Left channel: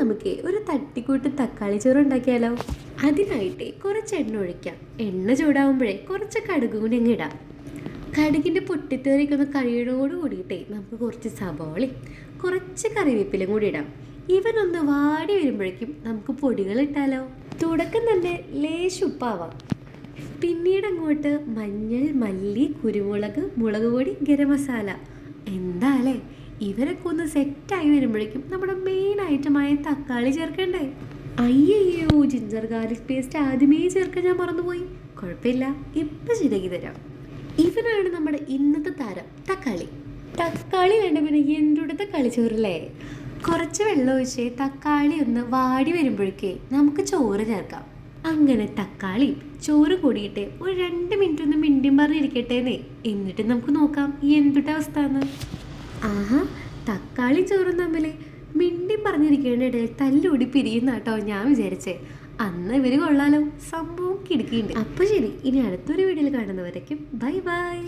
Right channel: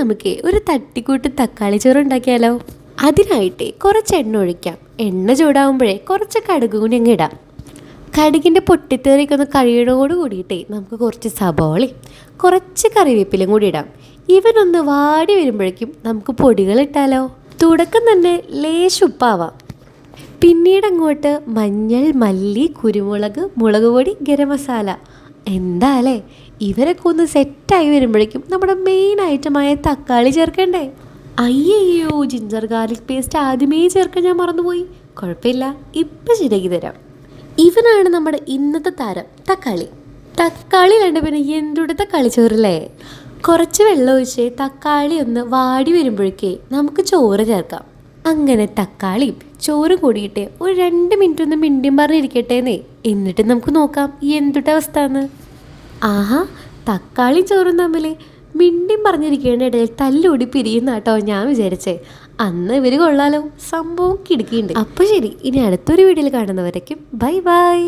നമുക്ക് ഒരു തട്ടിക്കൂട്ട് തക്കാളി ചോറ് ഉണ്ടാക്കിയാലോ? അതിനായിട്ട് കുറച്ച് എണ്ണ ഒഴിക്കാം. എണ്ണ ചൂടാവുമ്പോഴേ കുറച്ച് കടുക് കൂടി അങ്ങ് ഇടാം. കടുകിൻ്റെ പൊട്ടിത്തേറിയൊക്കെ ഒന്ന് കഴിയോട് കൂടിയിട്ടേ നമുക്ക് കുറച്ച് സബോളയും കുറച്ച് കറിവേപ്പിലും കൂടി ഇടാം. ഇവനൊന്ന് വാടി വരുമ്പോഴേക്കും നമുക്ക് പൊടികൾ ഇട്ടാലോ? തുടക്കം തന്നെ ലേശുപ്പാവാം. പിന്നീട് അങ്ങോട്ട് മഞ്ഞൾ, മല്ലി, കുരുമുളക്, മുളക് പൊടി, ഗരം മസാല. എന്താ അല്ലേ, ഇവരൊക്കെ ഒന്ന് സെറ്റായി വരുമ്പോഴേക്കും നമ്മുടെ മെയിൻ ഐറ്റമായ തക്കാളി ചേർക്കണ്ടേ? അയ്യോ, ജിഞ്ചർ ഗാർലിക് പേസ്റ്റ് ആദ്യമേ ചേർക്കാൻ ഞാൻ മറന്നുപോയി. കുഴപ്പമില്ല, ഇപ്പം ശരിയാക്കി തരാം. ഇവനാണ് നമ്മുടെ ഇന്നത്തെ താരം, തക്കാളി. തക്കാളി കണ്ട് പിന്നെ എന്തുടെ തക്കാളി ചോറില്ലേ? കുറച്ച് വെള്ളം ഒഴിച്ച് തക്കാളി ഒന്ന് വാടി വരുമ്പോഴേക്കേ നമുക്ക് ചോറ് ചേർക്കാം. അങ്ങനെ തക്കാളിയും ചോറ് കൂടിയിട്ട് ഒരു 2 മിനിറ്റ് ഒന്ന് മിണ്ടിയും പറഞ്ഞിരിക്കട്ടേന്നേ. എന്നിട്ട് നമുക്ക് നോക്കാം എന്തുട്ട അവസ്ഥ എന്ന്. ആഹാ, തക്കാളി ചോറും തമ്മിൽ മിണ്ടിയും പറഞ്ഞിരിക്കേണ്ട ഇടയിൽ തല്ലൂടി പിരിയുന്ന കേട്ടോ ഞാൻ വിചാരിച്ചേ. അന്ന് ഇവർ കൊള്ളാലോ, സംഭവം കിടക്കിയുണ്ട്. അപ്പോൾ ശരി, ഇനി അടുത്തൊരു വീഡിയോയിൽ കാണുന്നവരേക്കും ബൈ ബൈ.